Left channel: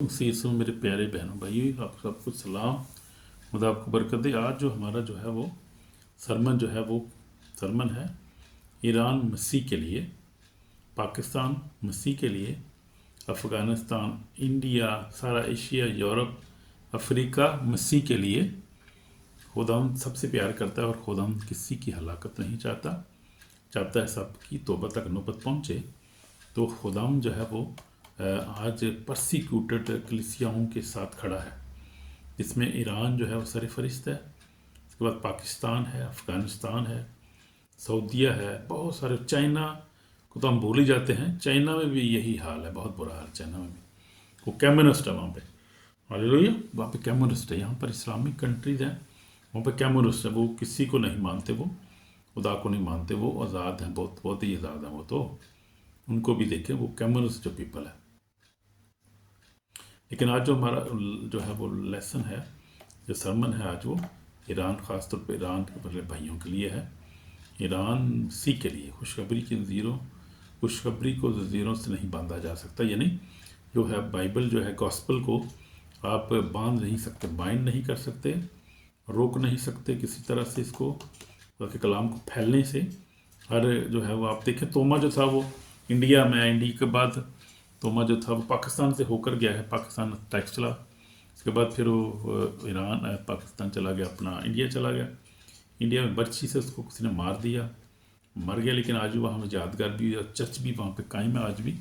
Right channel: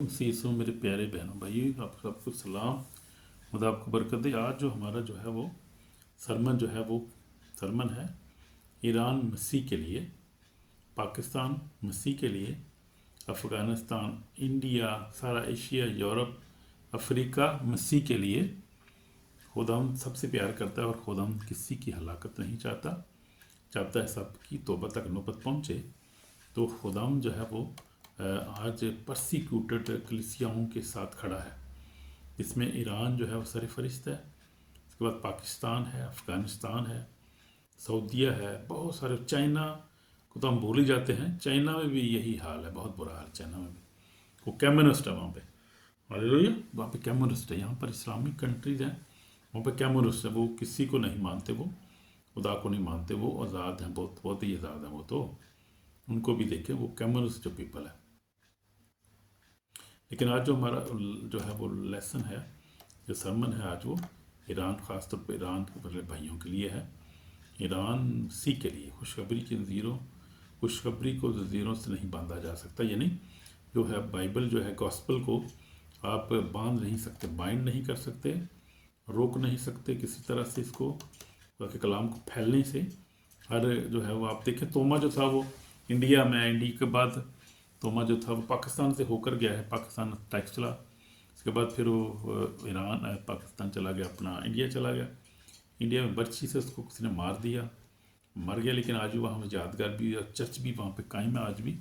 सीसों मेरे प्यारे बहनों भाइयों, आप सबको सलाम। खुदा आपको बरकत दे। आज जो हमारा जो है वो सरमन है ईरान मसीह के लिए, पाकिस्तान मसीह के लिए, अफ़गानिस्तान, इंडिया, सारा एशिया, यूरोप, अफ्रीका मसीह के लिए। खुदावंद सबसे प्यार करता है और खुदावंद किसी की हलाकत नहीं चाहता है सबकी तौबा तक नौबत पहुँचे। तो खुदावंद जो है वो आज परसिक्यूटेड कलीसियाओं के साथ खड़ा है, जिसमें ईरान जो है वो सरफरिस्त है। उसके बाद पाकिस्तान है, अफ़गानिस्तान है, सऊदीया है, बहुत सारे, चाइना को तो हम भूल ही जाते हैं। चाइना में भी यही हाल है, बहुत बुरा हाल चाइना में भी। वो कम्युनिस्ट है वहाँ पे, हालेलुया, वहाँ पे कम्युनिस्ट है। यहाँ पर इस्लामिक कंट्रीज हैं, वहाँ पे कम्युनिस्ट है। वो किसी को नहीं मानते, वो खुदा को नहीं मानते, वो आज़ाद हैं, बहुत बहुत ही आज़ाद हैं वो। तो उनको भी देखें, वो कम्युनिस्ट जो पीपल है। लेकिन आज जो हमारा जो है वो लेसन है, जो सरमन है आज, वो ईरान, ख़ास तौर पे ईरान के बड़े भाइयों के लिए है। ईरान सी के लिए खुशखबरी की ज़ंजीरों, खुशखबरी को ज़ंजीरों से नहीं बांधा जा सकता। यानी जो है बाइबल, जो है गॉस्पल को आप बांध नहीं सकते, बाइंड नहीं कर सकते, रोक नहीं सकते किसी तरह से इसको, के कलाम को फैलने से। हर जो है वो आप देखें, तोमा जो था वो इंडिया में, इंडिया के बाद तोमा जो था वो पाकिस्तान से होकर गया है, पाकिस्तान टैक्स चला। इसके बाद फिर वो ईरान, पाकिस्तान चला गया, अपना इंडिया चला गया। इंडिया में बर्छी से उसको किसी ने मार दिया, मर गया। लेकिन आज भी वहाँ यादगार भी, चर्च भी वहाँ पे कायम है आज भी।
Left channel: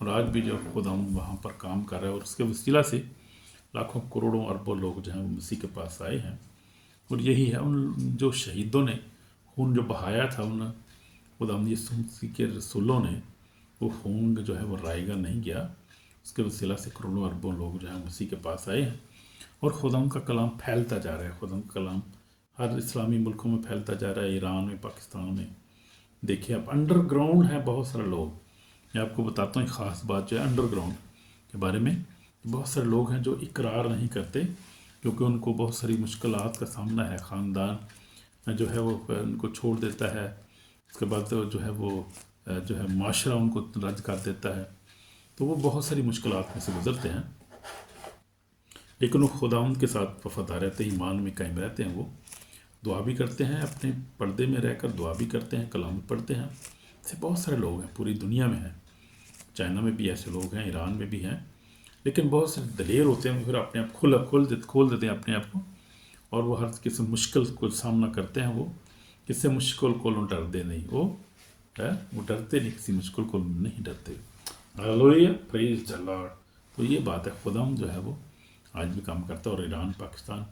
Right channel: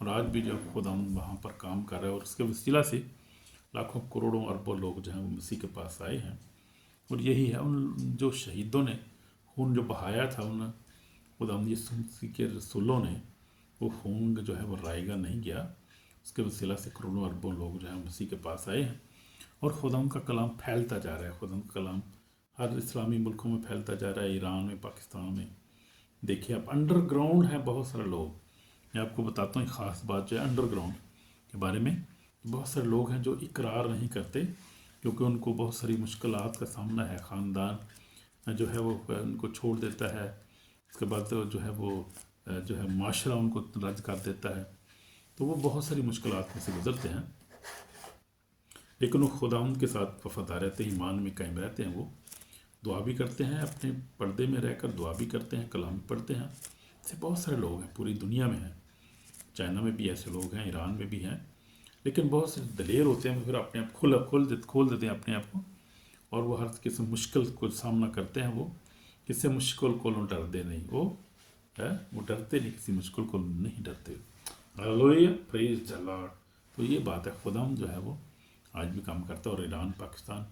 और आज भी जो खुदा वहाँ पर काम कर रहा है, और उसके वसीला से लाखों करोड़ों अरबों लोग जो हैं वो मसीह के पास आए हैं। और यही है, उन जो शहीदों ने खून जो बहाया था, उन खुदा यीशु मसीह के रसूलों ने, वो खून जो है वो रायगा नहीं गया। उसके वसीला से करोड़ों अरबों लोग जो हैं मसीह के पास आए हैं। और खुदा का कलाम फैलता जा रहा है। खुदा का कलाम हर इस्लामी मुल्कों में फैलता जा रहा है, ईरान में, पाकिस्तान में। देखिए आप, अंडरग्राउंड है बहुत सारे लोग। मैं आपको बताता हूँ एक ख़ास बात जो है अंडरग्राउंड के बारे में। बहुत सारे लोग हैं जो इकरार नहीं करते, क्योंकि उनको बहुत सारी मुश्किलात का सामना है। ख़ानदान जो है वो उनको छोड़ देता है। उसके बाद जो है वो जो है माशरा उनको रद्द कर देता है। तो वो बहुत सारी मुश्किलात में से गुजरते हैं, लेकिन वो खुदावंद के साथ वफादार रहते हैं, ईमान में कायम रहते हैं। वो दुआ भी करते हैं, अपने पर्दे में रहकर दुआ भी करते हैं, कलाम पढ़ते हैं। ऐसे बहुत सारे लोग हैं, पूरी दुनिया में हैं। चाइना में भी ऐसे लोग हैं, ईरान में भी हैं। लेकिन बहुत से दलेर होते हैं, फिर अपने आप खोल देते हैं अपने आप को, और वो हर किस्म मुश्किल को सामना करते हैं। वो किसी मुश्किल को डरते नहीं, वो डरते नहीं, किसी मुश्किल को नहीं डरते। Hallelujah, praise the Lord. तो ये बात है, खुदाम जो है वो आज भी काम करता है। और ईरान, पाकिस्तान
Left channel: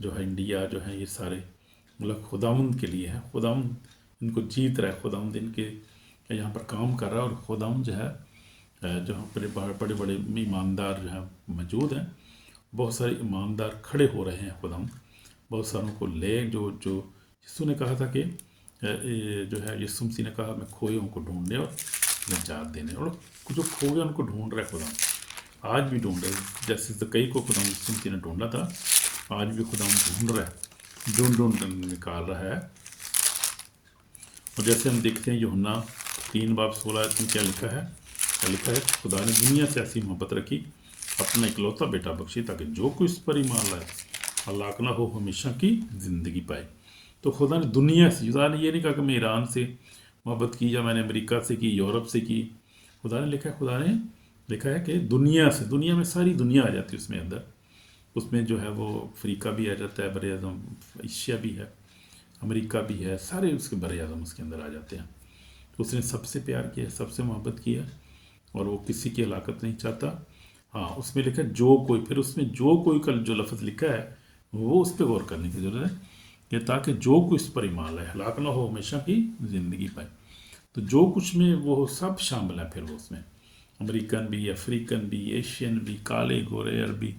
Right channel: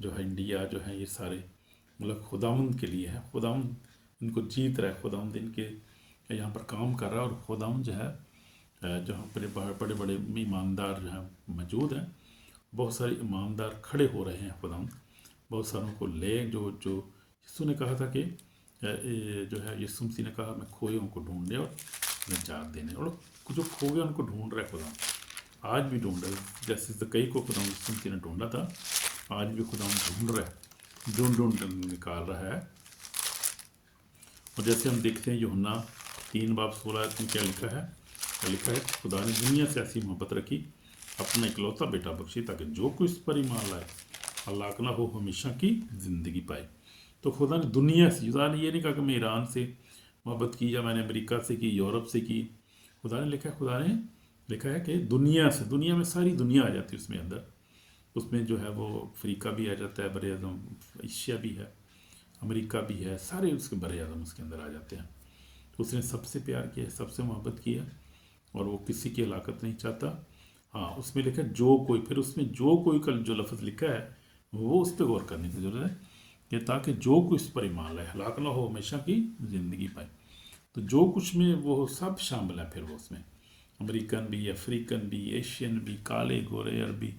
जो है, इंडिया जो है, ये सारे मतलब खुदावंद के लिए है। खुदावंद इनको जीत रहा है, खुदावंद इनके यहाँ पर काम कर रहा है। और खुदावंद जो है जहाँ पर बड़े बड़े ईमानदार जो है मौजूद हैं, बहुत सारे ईमानदार खड़े हो रहे हैं। खुदावंद बहुत सारों को ले, जो यीशु ने कहा था कि जो है, यीशु मसीह ने कहा, मैं खोए को ढूंढने और निजात देने, और जो खो गए उनको ढूंढ रहा है खुदावंद। आज भी ढूंढ रहे, जैसे कई को खुदावंद यीशु मसीह ने ढूंढा था, आज भी खुदावंद ढूंढ रहा है, ढूंढ निकाल रहा है। और जैसे हम देखते हैं यूहन्ना 3:16 में क्या लिखा है, खुदा ने दुनिया से ऐसी मोहब्बत रखी, अपना इकलौता बेटा बख्शी, ताकि जो कोई इस पर ईमान लाए हलाक ना हो, हमेशा की ज़िंदगी पाए। तो खुदा ने दुनिया से, खुदा ने ये नहीं कहा कि मैं ईरान से मोहब्बत की, या मैंने अमेरिका से की, यूरोप से की। खुदा ने लिखा है कि दुनिया से, दुनिया में सारी दुनिया आ जाती है उसमें अंदर। उसमें जो है वो अफ्रीका भी आ जाता है, बर आज़म एशिया भी है, अमेरिका भी है, सारे उसके बर आज़म उसके अंदर आ जाते हैं। तो उसने सबसे प्यार किया, सबसे मोहब्बत की है, और वो किसी की हलाकत नहीं चाहता। हाँ, उसमें लिखा है जो कोई, फिर उसमें जो कोई का जो लफ्ज़ लिखा है वो उस पर गौर करने की ज़रूरत है, कि ताकि जो कोई इस पर ईमान लाए हलाक ना हो, हमेशा की ज़िंदगी पाए। तो जो कुछ में वो सब शामिल है। फिर वो उसमें अमेरिकन भी, अफ्रीकन भी, एशियन भी, काले गोरे अरबी,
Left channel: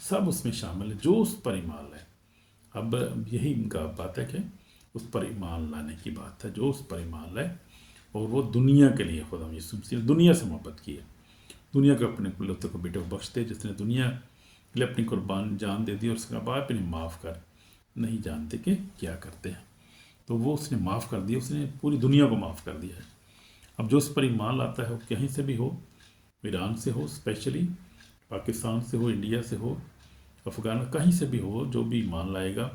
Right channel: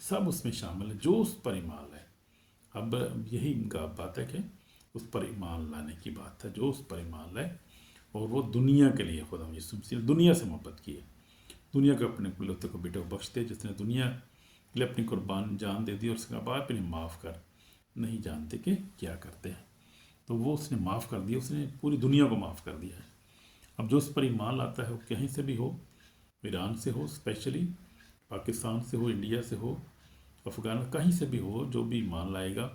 सब उसमें शामिल है, जो उस पर ईमान लाए। अब यही इनका बात है कि उस पर ईमान लाने की बात है, जो उस पर ईमान लाए। और वो दुनिया के लिए, खुदा यीशु मसीह ने दुनिया से मोहब्बत की है, दुनिया के अपने कुलौते को बेटे को बख्शते, जिसने दुनिया के लिए अपनी कुर्बान जान दे दी, और उसका बाप इन्हें माफ़ कर, नहीं जानते कि क्या करते हैं। तो वो उसने माफ़ कर दिया, उसने पूरी दुनिया को माफ़ कर दिया है। अब जो उस पर ईमान लाता है, वो कहीं से भी हो, ईरान से हो स्पेशली, पाकिस्तान से हो, इंडिया से हो, अफ़गान, कहीं से भी हो, जो भी ईमान लाएगा,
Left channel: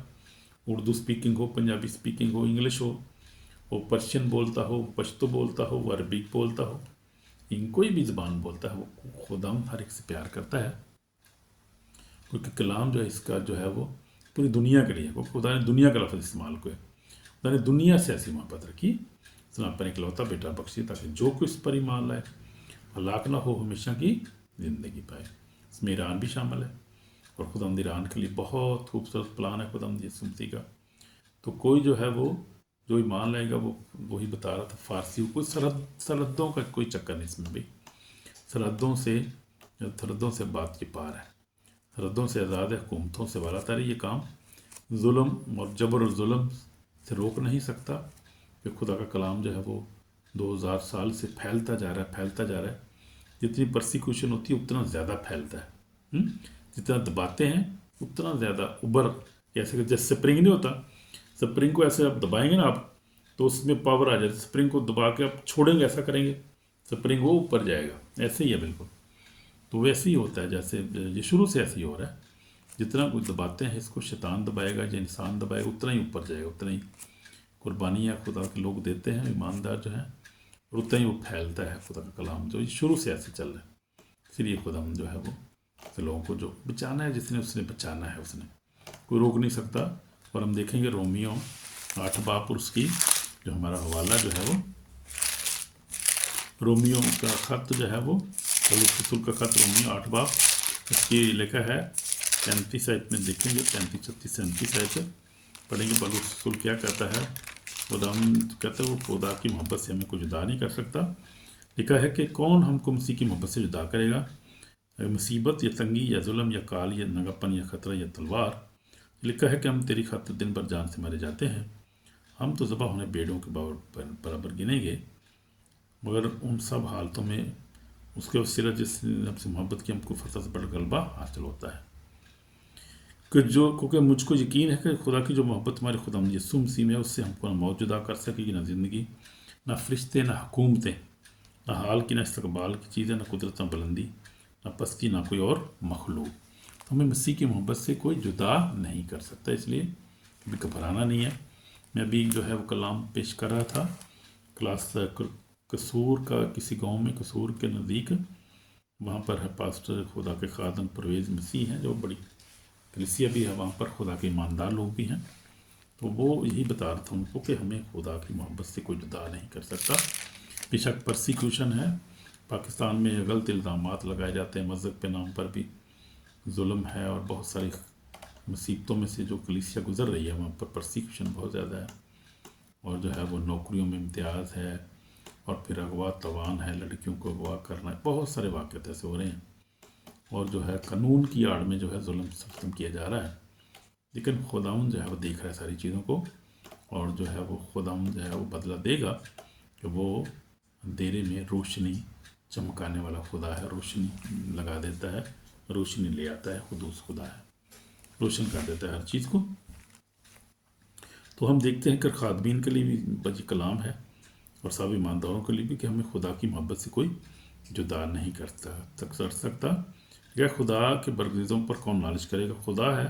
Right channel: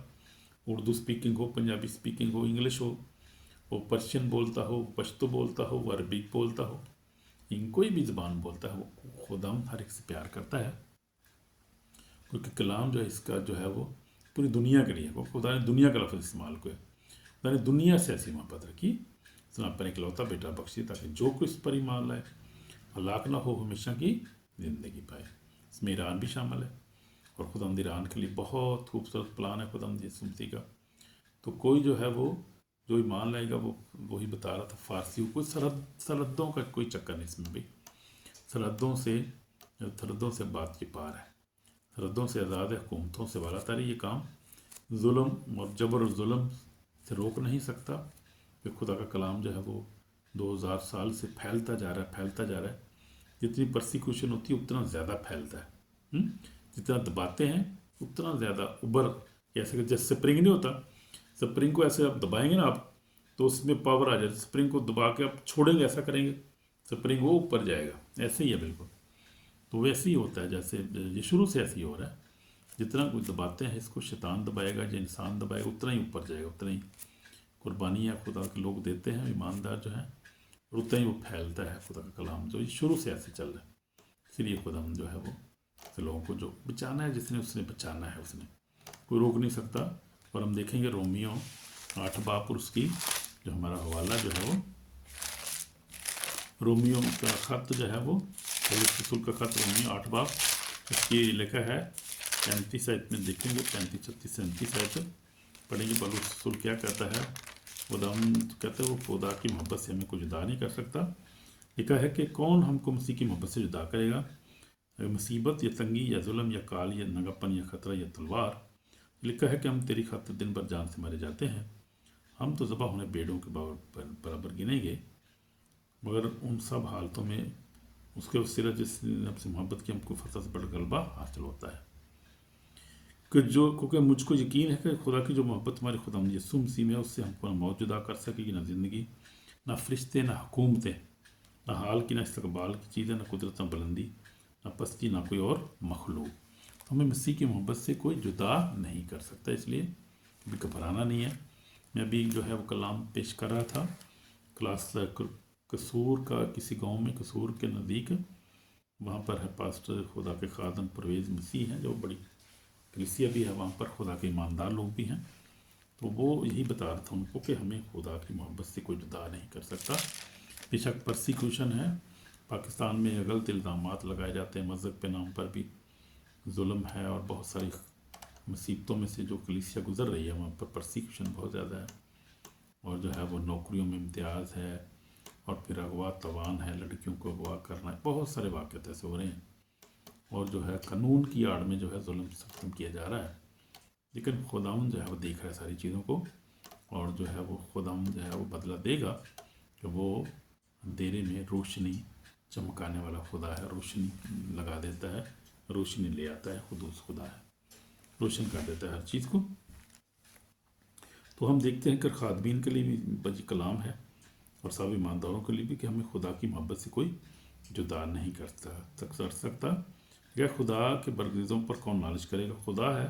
उर्दू स्पीकिंग हो, पंजाबी स्पीकिंग हो, इंग्लिश हो, वो पर्शियन बोलता हो, पश्तो बोलता हो, वो अरबिक बोलता हो, इन कोई भी ज़बान बोलता है, वो खुदाम हर एक से प्यार करता है। क्योंकि कलाम जो है इसका जो है वो पूरी दुनिया के लिए है। वो खुदा ने दुनिया का लफ्ज़ इस्तेमाल किया, खुदा ने दुनिया से ऐसी मोहब्बत रखी, इसने अपना इकलौता बेटा बख्शी ताकि जो कोई इस पर ईमान लाए हलाक ना हो, हमेशा की ज़िंदगी पाए। इसमें ईरान भी शामिल है, और खुदावंद ईरान के लिए बहुत खूबसूरत प्लान है खुदावंद यीशु मसीह का। तो कोई जो है वो जो ईमान लाएगा, वो वही बता रहा था फारसी, कोई सरहदों का कोई चक्कर नहीं इसमें भी। सरहदों से बात के पार है, सरहदों से आज़ाद है, हुकूमतों से वालातारी। ये काम जुल्म और जबर और जुल्म से रोक नहीं सकता। कि खुदा का कलाम जो है वो 2000 साल से फैलता जा रहा है, फैलता जा रहा है। जितनी परसिक्यूशन होती है उतना ज़्यादा फैलता है। जितना दबाते हैं उतना ज़्यादा उबर, जैसे स्प्रिंग नहीं होता, स्प्रिंग को ऐसे आप दबाएंगे ना आप, तो उसमें पावर आ जाए। स्प्रिंग को दबा के आप छोड़ेंगे, ऐसा करेंगे, स्प्रिंग वो ऊपर जाएगा। ऐसे ही है बिल्कुल। तो वैसे ही होता है, जैसे ये शुरू से ऐसे ही हो रहा है। जितना कुछ दबाते हैं इसको, शैतान दबाएगा या इंसान दबाएगा, उतना ही ऊपर जाएगा, उतना ही कुर्बानियाँ खुदा के लोग देते हैं, ईमानदार जो हैं, और उतना ही वो फैलता है खुदा का कलाम, जो शुरू से ऐसे चल रहा है। इसलिए खुदा जो है वो लोगों को जो बचाना है, जिसने उसने बचाना है, उसने कोई रोक नहीं सकता। और हम देखेंगे रोमियो 8 बाब और उसकी जो हमारा हवाला जो है वो रोमियो का ख़त जो है वो पौलुस रसूल का ख़त रोमियो 8 बाब, इसकी लिखा है 35 आयत में देखेंगे, 35, 36, 37 आयत पढ़ेंगे। पौलुस रसूल क्या कहता है? खुदा कहते हैं वो खुदा की मोहब्बत से हमें कोई जुदा नहीं कर सकता। लिखा है कि कौन हमको मसीह की मोहब्बत से जुदा करेगा? मुसीबत या तंगी या जुल्म या काल या नंगापन या खतरा या तलवार। लिखा है कि हम तेरी खातिर दिन भर जान से मारे जाते हैं, हम तो ज़बा होने बेड़ों के बराबर गिनेंगे। मगर उन सब हालतों में उसके वसीला जिसने हमसे मोहब्बत की, हमको फतह से बड़ा गलबा हासिल होता है। क्योंकि मुझको यकीन है कि खुदा की जो मोहब्बत हमारे खुदा यीशु मसीह में है, उससे हमको ना मौत जुदा कर सकेगी, ना ज़िंदगी, ना फरिश्ते, ना हुकूमतें, ना हाल की, ना इस्तकबाल की चीज़ें, ना कुदरत, ना बुलंदी, ना पस्ती, ना कोई और मखलूक। तो हमें मसीह की मोहब्बत से कोई जुदा नहीं कर सकता, इसलिए कभी घबराना नहीं है। मैं अभी जो है वो कलाम पेश कर रहा था क्लास कसूर का, किसी गांव में कसूर के नज़दीक, वहाँ पर है पास्टर खुदा के खादम परवेज़ मसीह हैं, जो बड़ी कलीसिया भी है, वहाँ पर खुदा के ईमानदार लोग भी हैं। तो वो यही बता रहा था उनको कि हमें खुदा की मोहब्बत से कोई जुदा नहीं कर सकता। बेशक परसिक्यूशन है, पाकिस्तान में गलत इल्ज़ामात लगाए जाते हैं, मज़हब के नाम पर भी जुल्म है, और बहुत सारी मुसीबतों में से जो कलीसिया गुजर रही है वहाँ पर परसिक्यूशन बहुत ज़्यादा है। और जो है वो नौकरियों में इम्तियाज़ है, और फिर अगवा तवान है, लड़कियों को अगवा करना है, बहुत सारे वाक़यात ऐसे हो रहे हैं। और जो है कानून की आड़ में जो है जुल्म सिस्टम किया जा रहा है। लेकिन खुदाउन जो है वो देख रहा है सारी चीज़ों को, और जो है वो खुदाउन जो है वो बदला देगा कि वो अंधेरे में रोशनी चमकाने वाला खुदा है, रोशनी लगा देता है, रोशनी ले आता है, खुदूस खुदा है, रोशन कर देता है हर चीज़ को। तो हम देखते हैं कि खादमीन के लिए भी बजी कलाम है, और सब ईमानदारों के लिए भी, कि हमें खुदा की मोहब्बत से कोई जुदा नहीं कर सकता। क्या खुदा के बरगज़ों पर कौन नालिश करेगा? खुदा है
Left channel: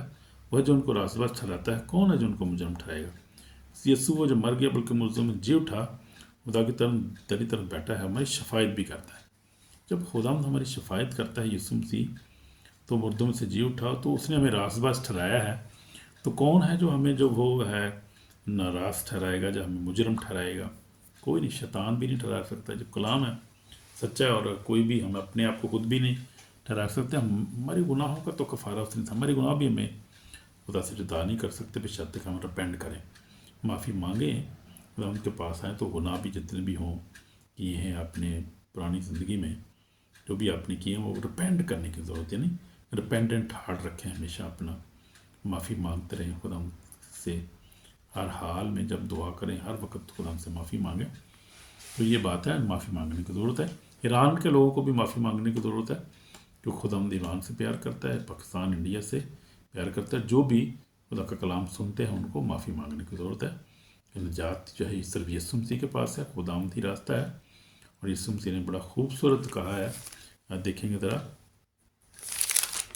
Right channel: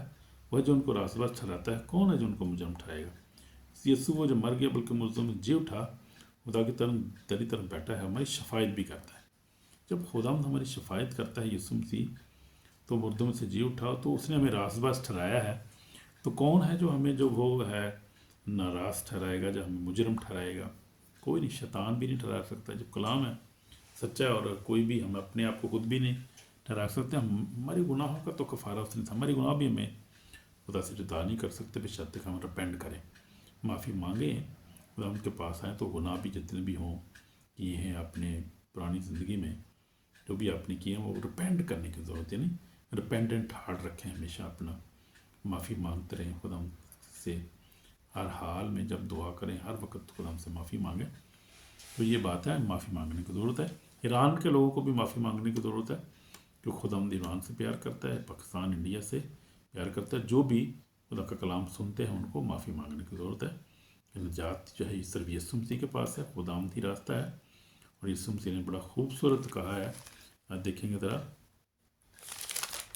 वह जो उनको रास्तबाज ठहराता है, कौन है जो उनको मुजरम ठहराएगा? यीशु वो जो मर गया बल्कि मुर्दों में जी उठा, खुदा की तरफ तेरी तरफ बैठा है, हमारी शफायत भी करता है। जब खुदा हमारी शफायत करता है यीशु मसीह, तो मुर्दों में से जी उठा, तो उसने हमें रास्तबाज ठहराया है। तो कौन है जो हमें जो वो है नाराज़ ठहराएगा, जो हमें मुजरम ठहराएगा? कोई नहीं, शैतान भी नहीं ठहरा सकता। जब कलाम है सच्चा है, और कोई भी हम अपने आप को खुद भी नहीं ठहरा सकते। हमारे गुनाहों का तो कफ़ारा उसने था, हमारे गुनाह भी हमें खुदा से जुदा नहीं कर सकते। बेशर्त हम रिपेंट करें, माफ़ी मांगें, खुदा उनके पास आएँ, तो गुनाह भी जितने भी हों किए हैं अपने पुरानी ज़िंदगी में, जो भी आपने किए हैं, वो रिपेंट करने की ज़रूरत है। नहीं, रिपेंडेंट हार्ट रखें, हमेशा अपना माफ़ी मांगते रहें खुदा से, हर हाल में जब दुआ करें, हर वक्त खुदा से माफ़ी मांगें। तो ये बात है, माफ़ी मांगने की ज़रूरत है। ईरान के लोगों को भी माफ़ी मांगने की ज़रूरत है, जो खुदावंद ईरान से प्यार करता है, पाकिस्तान इंडिया से प्यार करता है। जो भी खुदा का कलाम सुनते हैं उनको माफ़ी मांगने की ज़रूरत है, कि निजात जो है सिर्फ यीशु मसीह के पास है, खुदावंद ही रास्ता है। और यीशु मसीह ने बड़ा खूबसूरत कहा है, देखेंगे ज़रा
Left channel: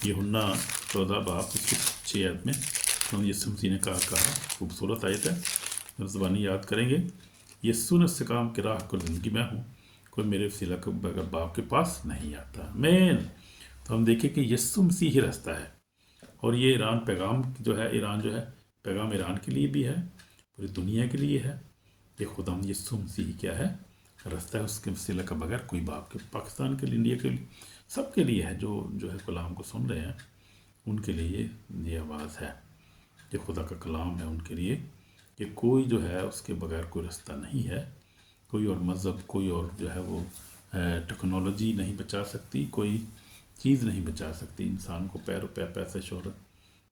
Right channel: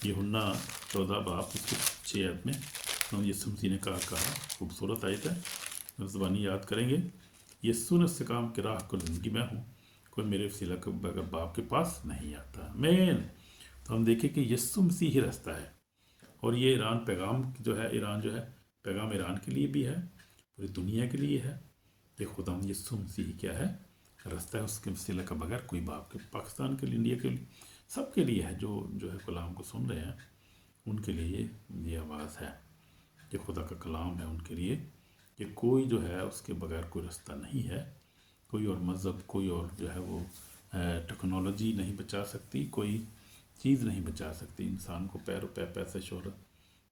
यूहन्ना 14 बाब उसके 6 आयत में तो यीशु मसीह ने कहा खूबसूरत आयत है, ज़बानी याद करेंगे। यीशु ने इस्तेकाम की राह को ज़िंदगी में हूँ, कोई मेरे वसीला के बगैर बाप के पास नहीं आता। मेन तो हम देखें कि यीशु मसीह ही रास्ता है। और ये ईरान पैगाम जो है, ईरान जो है पैगाम ईरान के लिए भी है, पूरी दुनिया के लिए है। ये खुदा यीशु मसीह क्या है, रास्ता है, उसके वसीला का बगैर कोई बाप के, पाकिस्तान के लिए, इंडिया के लिए, सबके लिए है। जो है कलाम को सुन रहे हैं उनके लिए ये आवाज़ है, ये खुदा का कलाम है उनके लिए कि कोई जो है उसके बगैर कोई रास्ता नहीं है। कोई और मज़हब, कोई और जो है वो टेक्नोलॉजी नहीं बचा सकती, कोई चीज़ नहीं बचा सकती इंसान को। पैर रुपया, पैसे, शोहरत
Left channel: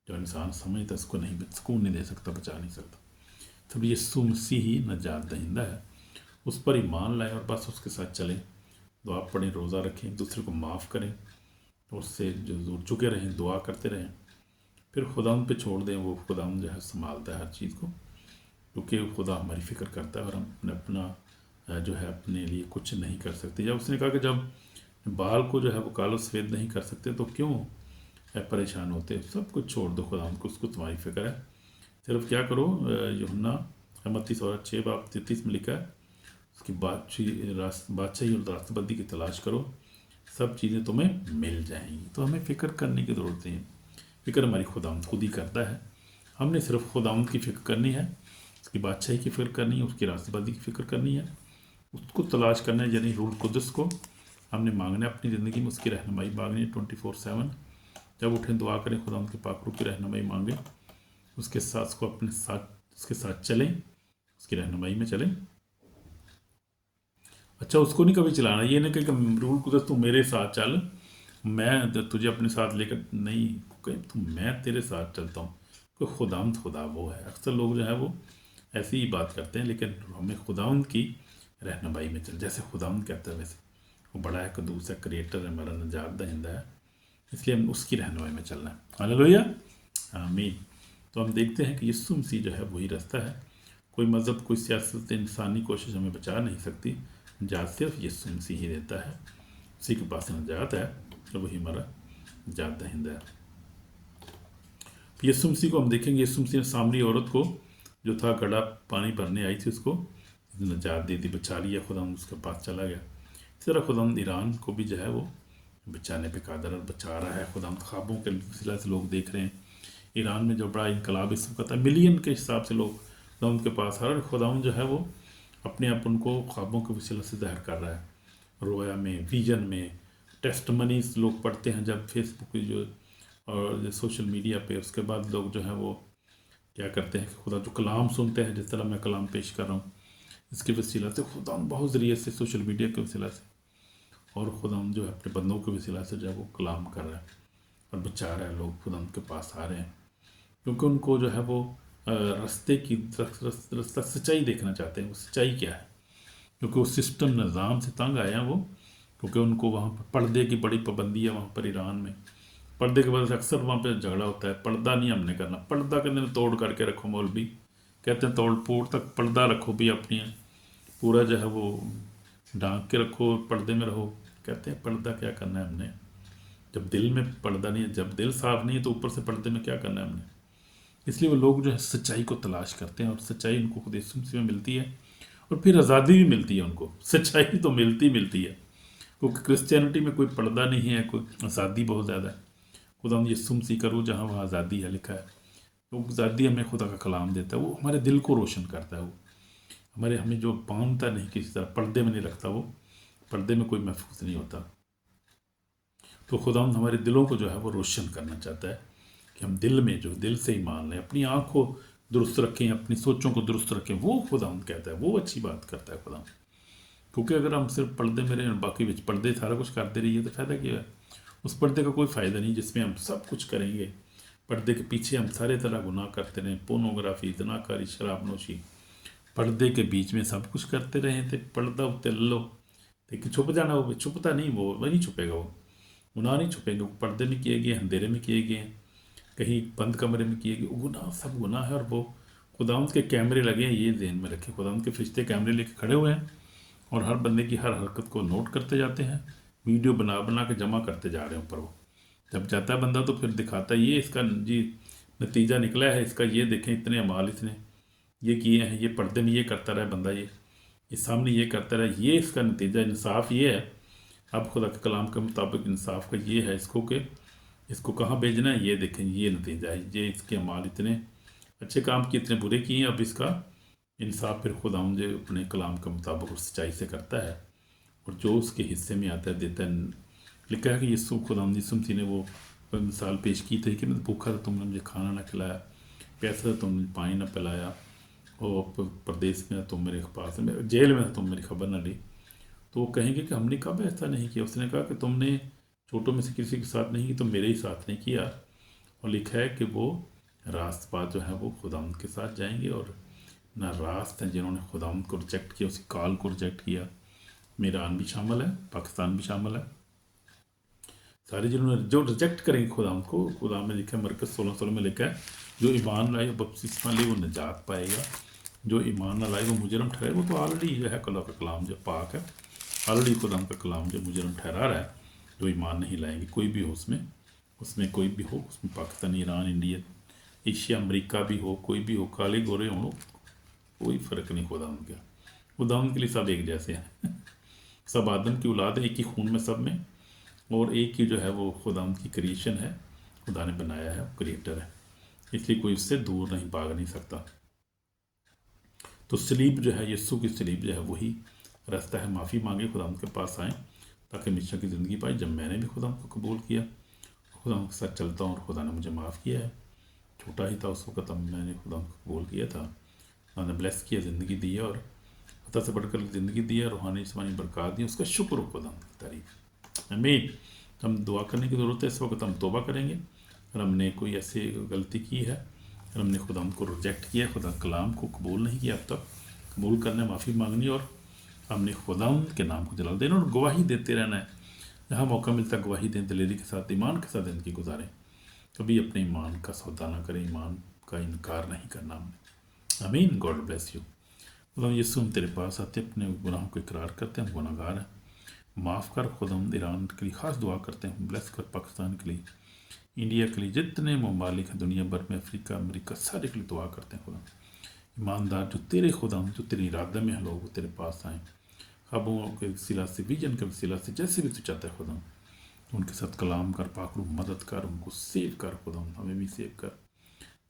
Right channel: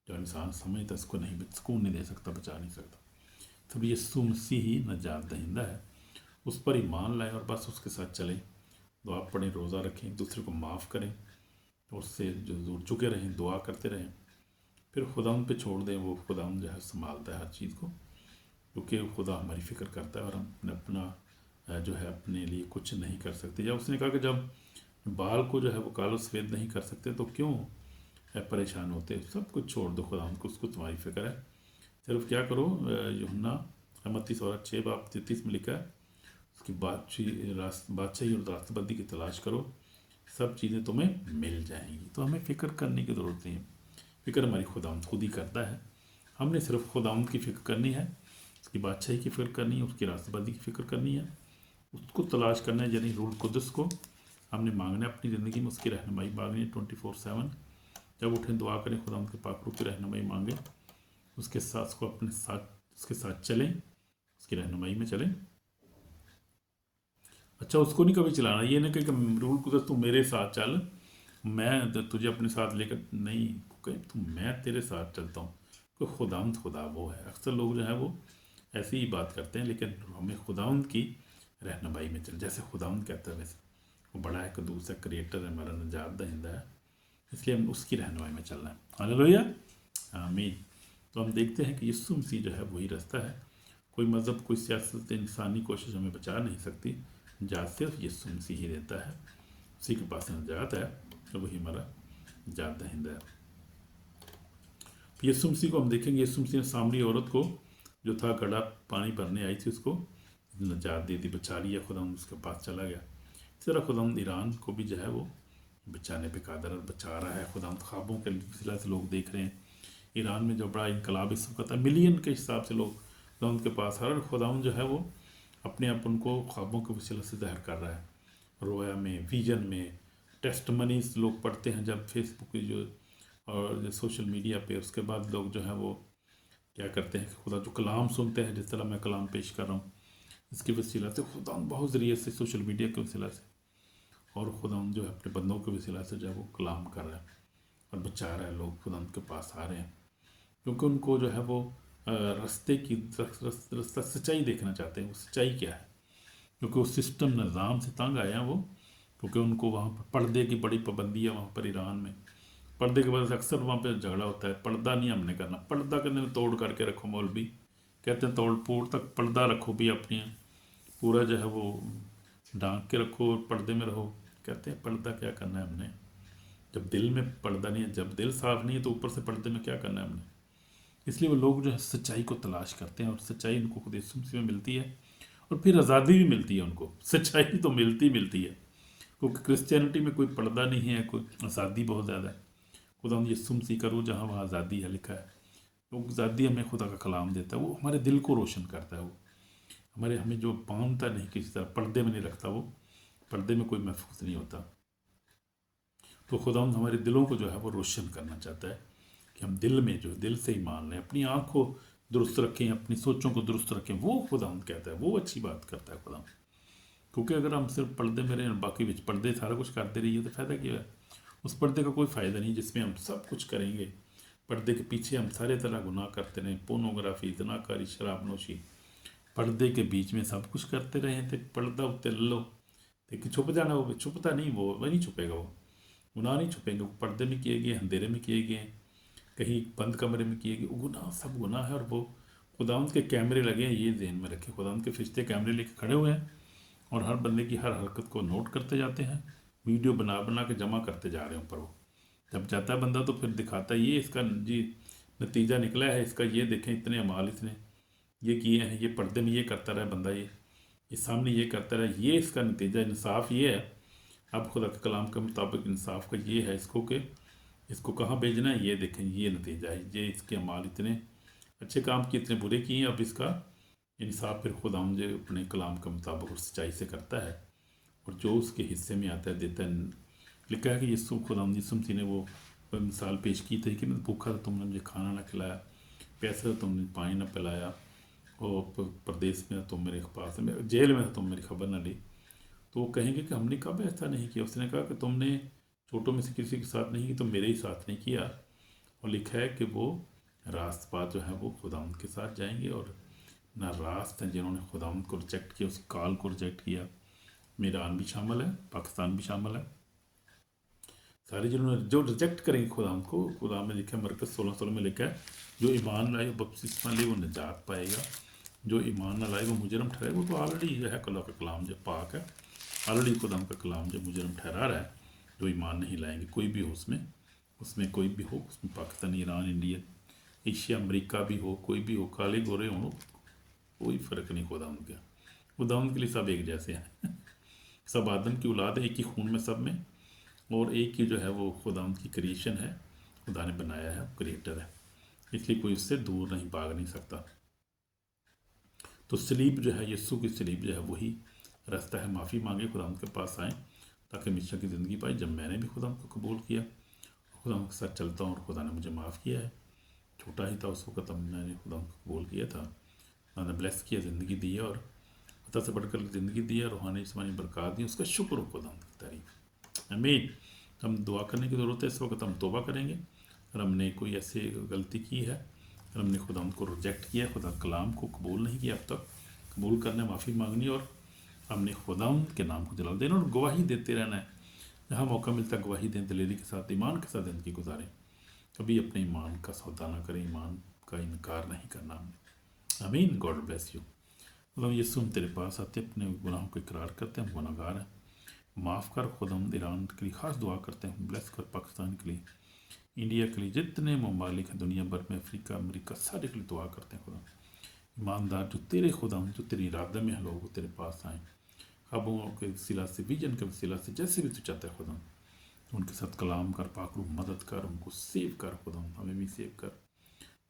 जो इंसान समझता है उसको नहीं, सुकून नहीं दे सकता, बचा नहीं सकता। तब यीशु मसीह ही नजात दहिंदा है, उस पर ईमान लाएं और बस उसके साथ चलें, दुआ पढ़ें, रोज़ा रखें, दूसरे को माफ़ करें, उससे जो जुड़ चुके रहें, दुआ करते रहें, फिर खुदा पे छोड़ दें। वो खुदा जो है संभालता है हर चीज़ को, क्योंकि खुदा हमारी फ़िक्र करता है और हम अपना जो है अपने लिए कुछ नहीं कर सकते। जब उसने कहा कि जब बाल को जो है वो कालो सफ़ेद नहीं कर सकते तो क्यों परेशान होते, सब कुछ छोड़ दो खुदा को, उसको तुम्हारी फ़िक्र है। सिर्फ क्या करो, यूहन्ना मत्ती 6 बाब 33 में लिखा है, उसकी बादशाही और रास्तबंदी की तलाश करो, सब चीज़ें तुम्हें मिल जाएंगी। तो हमें फ़िक्र करने की ज़रूरत नहीं है, फ़िक्र हमारी खुदावंद खुद ही करता है। हमने सिर्फ खुदावंद की फ़िक्र करनी है, उसकी बादशाही की फ़िक्र करनी है, उसकी रास्तबंदी की फ़िक्र करनी है, उसको तलाश करना है, यानी रूह कुदस को हमने मांगना है अपनी ज़िंदगी में, उसकी रहनुमाई मांगनी है 24/7। जब उठें दुआ करें, खुदावंद के पाक रूह की रहनुमाई मांगें, उसके साथ उसको अपने साथ, उसके साथ चलें, उसकी रहनुमाई में चलें। अच्छा, उसको नहीं कभी चलाना, ये ना कि रूह कुदस तू मेरे साथ चल, मैं तुझे अपने साथ लेकर नहीं, तो मैं तेरे साथ चलता हूँ। कोई खुदावंद खुदा वो है। अक्सर लोग जो है वो ऐसी ही बात करते हैं, लेकिन हमें खुदावंद की रहनुमाई में चल, जैसे खुदावंद कहता है वैसे। वो बड़ा है, कदूस है, क्रिएटर है, हमारा नजात दहिंदा है, इसलिए हम उसकी रहनुमाई में चलना है। हालेलुया, आमीन। तो हम देखते हैं कि यीशु मसीह जो है वही रास्ता है। कोई मज़हब, कोई सियासत, इंसानी कोशिश हमें बचा नहीं सकती। निजात सिर्फ यीशु मसीह ही देता है, उसी के पास निजात है, तो वही हमारा निजात दहिंदा है। यीशु मसीह को हम देखेंगे, यीशु मसीह ने सामरी औरत को जो था घड़ा पानी भरने आई थी, उसको निजात दे दी, बचा लिया, खुदा उसके पास चला गया। इस तरह खुदा ईरान को भी जो है वो बचाने पे कादर बचा रहा है। खुदा ख्वाबों के सिलसिले से लोग देख रहे हैं, ईरान में जो बड़ा इनकलाब इस वक्त है, मिलियन के हिसाब से लोग खुदा उनके पास, हर खुदा जो है वो अपने आप उनको ख्वाबों के वसीले से ज़ाहिर कर रहा है। रोया में, विजन में, टेस्ट मनीज लोग पढ़ते हैं जब फेसबुक जो और सोशल मीडिया पे, उसके बाद लोग जो है वो क्या करते हैं कि खुदा जो कलाम सुनते हैं, जिस तरह मैं कलाम पेश कर रहा हूँ, इसके वसीला से खुदा बहुत ज़रिए से, सोशल मीडिया के वसीला से, और खुदा जो है अपने बंदों के वसीला से जो है वो कलाम कर रहा है और बचा रहा है। लोग खुदा उनके पास आ रहे हैं क्योंकि उनको जो है वो रास्ते की रास्ता सच्चाई देखना चाहते हैं। वो सच्चाई क्या है, क्योंकि वो सिस्टम निज़ाम से तंग आए हैं वो, क्योंकि उनको वहाँ पर पर्दे की बड़ी पाबंदी है। वहाँ पर ईरान में पर्दे के वजह से अक्सर वहाँ पे झगड़ा होता है। पर्दा नहीं हमने करना, पर्दा करने तोड़ करके रखो। मौलवी कहते हैं तोड़ फोड़ तक पर्दा रखो भी अपनी, पूरा जो है वो ढांक के रखो, पर्दे में रहो। कहते हैं पर्दा क्या करना है हमने, जब दिल में पर्दा नहीं है, जब दिल साफ नहीं है तो ऊपर से पर्दे में क्या करना है हमने। इसलिए वो लोग जो है सच्चाई को तलाश करते हैं और सच्चाई उनको खुद यीशु मसीह में मिलती है और फिर आज़ादी भी मिलती है उनको। सच्चाई तो मिलती है, क्योंकि क्रिश्चियनिटी में कोई पर्दा नहीं है, कोई आज़ादी बहुत ज़्यादा है। खुदा यीशु मसीह करो जहाँ वहाँ आज़ादी है लिखा है, तो आज़ादी हमें खुदा का कलाम देता है, वो हमारे दिल को रोशन करता है। वो हमें जो बांधता नहीं, किसी तरह पर्दे में नहीं रखता, वो पर्दे में कोई महफूज नहीं होता। तो खुदा हमारे दिलों को जो है वो रोशन करना चाहता है कि हम दिल में जो दिल से ही मान लें, अपनी आँख को दुरुस्त रखें, अपनी सोचों को दुरुस्त रखें। वो खुदा कहता है, वो अच्छी बात करता है खुदा। क्योंकि अगर हम सिर्फ पर्दे में रहें, बाकी बिच पर्दे सारा कुछ करते रहिए तो फ़ायदा क्या है। उस पर्दे का कोई फ़ायदा नहीं जिसमें हम सब कुछ करेंगे। पर्दे के पीछे हम सारे तरह गुनाह करते रहें, पोर्नोग्राफी, जनाकारी, शराबनोशी, पर्दे के बीच में सब कुछ करते रहें तो पर्दा उत्ते लो, लेकिन छुप जाना, वो छुपता नहीं, वो नहीं छुपेगा। वो गुनाह नहीं छुपेंगे, वो पर्दे में किए गए, अंधेरे में किए गए, कहीं बंद कमरे में किए गए, वो गुनाह सब गुनाह है। और वो खुदावंद के कैमरे लगे हैं, ये ध्यान में रखें। खुदावंद के फरिश्ते कैमरे लेके खड़े हुए हैं और हर बंदे की हर हरकत को नोट करते जाते हैं, वीडियो बना बना के जमा करते जा रहे हैं ऊपर। वो जब जाता है बंदा तो फिर दिखाता है ये इसका जी नतीजा निकला है इसका, ये देखें इतने अमाल इसने ये किए हैं, ये पर्दे में ये करता रहा बंदा, ये सामने ये करता रहा, ये इसका नतीजा। इंसाफ ये है अब खुदा के कलाम के मुताबिक इंसाफ का ये है इसको कि इसको कहाँ भेजना है, ये देखें ये नतीजा है, ये इसके अमाल इतने अच्छे काम किए इतने बुरे किए, अब इसका इंसाफ फिर खुदा मुझे अपने कलाम के मुताबिक और सच्चाई से करता है और जो उसके हिस्से में आता है देता है। लिखा है कि यीशु खुदा यीशु मसीह ने वो मिसाल पेश की थी कि मैं भूखा था तुमने मुझे खाना ना खिलाया, प्यासा था तुमने पानी ना पिलाया, और प्रदेश में तुम मेरे पास में, जेल में तुम मेरी खबर ना ली। तो वो कहेंगे कि हमने कब ऐसा नहीं किया। उसने कहा कि तुमने छोटों में से किसी के साथ नहीं की तो मेरे ही साथ नहीं किया। और लिखा है कि वो रास्तबाज जो है वो खुदावंद के साथ जाएंगे और ना रास्त हैं जिन्होंने खुदावंद को रिजेक्ट किया, उस कॉल को रिजेक्ट किया। ईरान भी शामिल है, पाकिस्तान भी शामिल है, सारे जिन्होंने जो रिजेक्ट करेंगे खुदावंद को। खुदा में लिखा है मरकज़ 16 में लिखा है जो ईमान लाए बपतिस्मा ले वो निजात पाएगा, जो ईमान ना लाए वो मुजरम ठहरे। वो तो ऑलरेडी जो है खुदा का कलाम जो पाक है, ऑलरेडी खुदा का कलाम जो मुजरम ठहरा रहा है। जो ईमान नहीं लाएंगे कोई भी हो उसमें कोई भी हो, उसमें Pakistan, Iran, India, Asia, America भी हो, कोई भी हो, काले गोरे हो, कोई फ़र्क नहीं खुदावंद का। खुदावंद के लिए सब एक जैसे हैं सब आदम की औलाद है, एक ही खून में सब में, और एक ही जो है वो खुदावंद की क्रिएशन है, खुदा ने बनाया है, क्रिएटर है, इसलिए कोई उससे दूर नहीं भाग नहीं सकता। तो सलीब जो है यीशु की सलीब जो है वही रास्ता है। माफ़ी मांगे, खुदावंद के पास आएँ ताकि हमेशा की ज़िंदगी पाए। जब मैंने भी खुदावंद को कबूल किया, खुदावंद के साथ चलता हूँ और खुदा ने मुझे माफ़ किया है। छोटा ही था उस वक्त तब मैंने खुदावंद को कबूल किया था, खुदा ने ब्लेस किया, ज़िंदगी दी है और अता से बढ़कर ज़िंदगी दी है, रूहानी जिस्मानी बरकत दी, उसका शुक्र हो खुदावंद की तारीफ। आमीन। हम दुआ करने की ज़रूरत है इस वक्त, हम तौबा करेंगे अगर हमने कोई ऐसी गलती की है, अगर हमने खुदावंद को रिजेक्ट किया, खुदा कलाम को कबूल नहीं किया अब तक, कबूल करना, माफ़ी मांगनी और हमने खुदावंद के नाम को जलाल देना और गवाही देते रहना है। जहाँ मौका मिलता है गवाही दें, दिलेरी के साथ, ईमान के साथ ज़िंदगी गुजारें। कभी अपने ईमान का सौदा ना करें, ईमान का इनकार नहीं करना हमने। आमीन। God bless you. मतलब यीशु हम तेरे पास आते अपने गुनाहों को इकरार करते हैं, हम गुनाहगार हैं, माफ़ कर। खुदावंद ईरान के लिए ख़ास दुआ करते हैं, ब्लेस कर। पाकिस्तान के लिए, इंडिया के लिए, जितने ममालिक हैं दुनिया भर में, अफ्रीका, अमेरिका, सारे के लिए दुआ करते हैं। खुदा ईमानदार जो तेरे खुदावंद जो तेरे इरादे में हैं लोग वो तेरे पास आएँ, ख्वाबों के वसीला से, विजन के वसीला से, जैसे भी तू चाहता है खुदा उनके साथ कलाम कर, पाकरू मदद कर, उनको सेव कर खुदा, हमें भी सेव कर,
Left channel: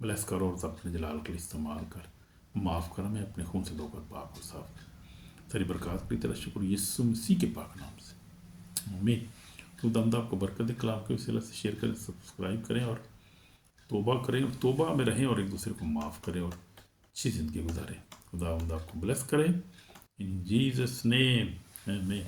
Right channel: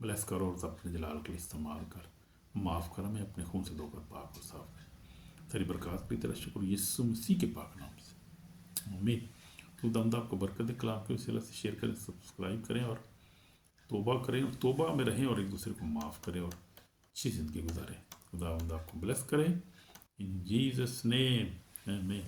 ब्लेस कर और अपने जलाल के लिए इस्तेमाल कर। माफ़ कर, हमें अपने खून से धोकर पाक और साफ कर। सारी बरकत की तेरा शुक्र यीशु मसीह के पाक नाम से, आमीन। खुदावंद आपको बरकत दे, कलाम के वसीला से शेयर करें, सब्सक्राइब करें और तोबा करें और तोबा में रहें और एक दूसरे को माफ़ करें और अच्छी ज़िंदगी गुजारें। खुदावंद आपको ब्लेस करें। In Jesus' name, amen.